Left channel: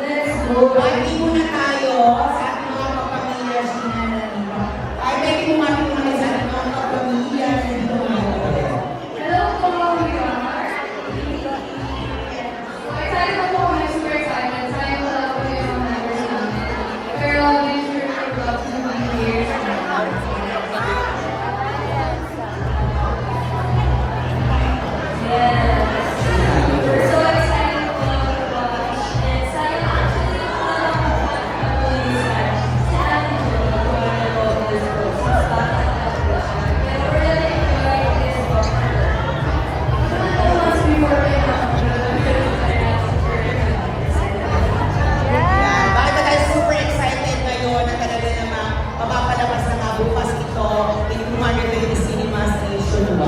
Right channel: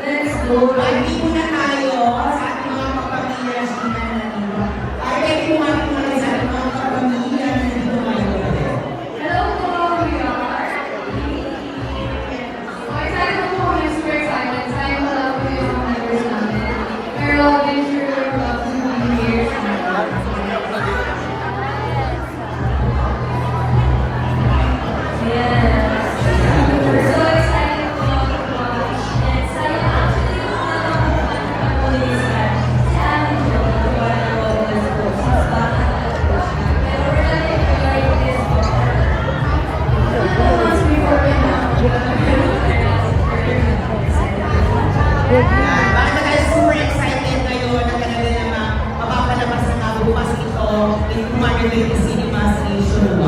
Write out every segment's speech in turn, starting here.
Let's go. Ay, hindi mo na of the human-related cinema station.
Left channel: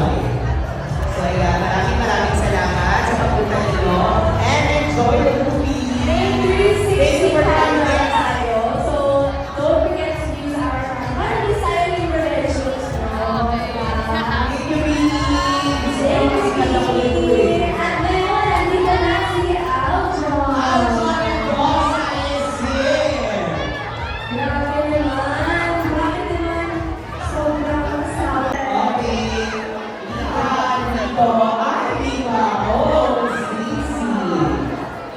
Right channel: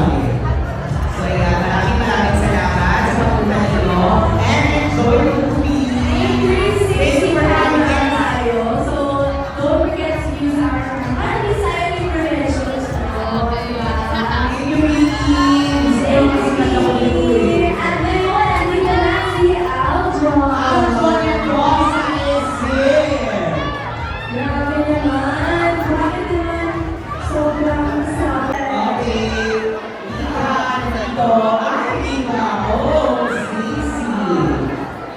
po ang aking mga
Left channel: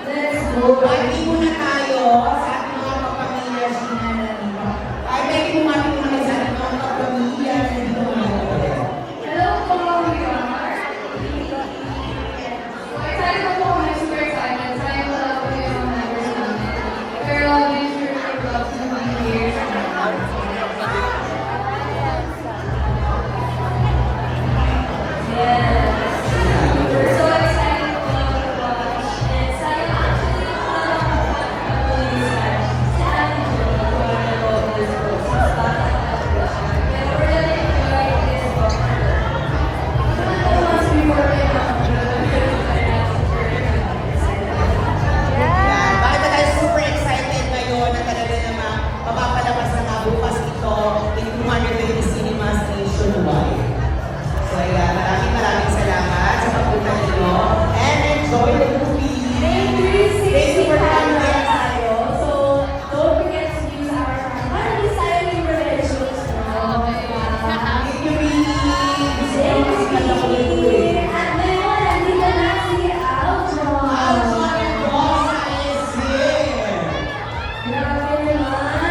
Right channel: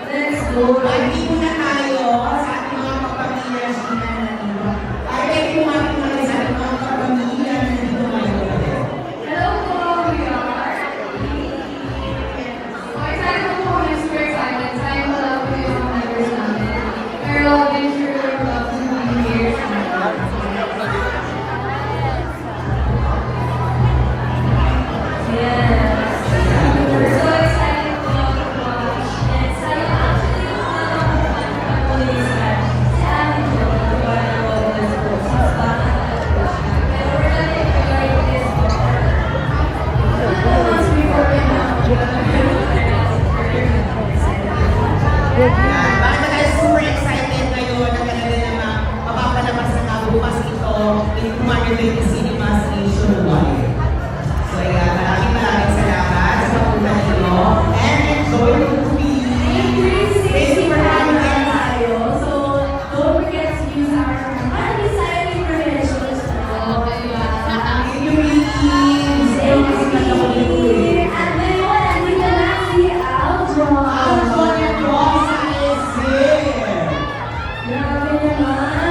Let's go. Ay, hindi mo na Bakit na tayo super excited ngayon na kanila na mapapalabas na kabukas ito in Marvel Cinema Station 1. 감사합니다.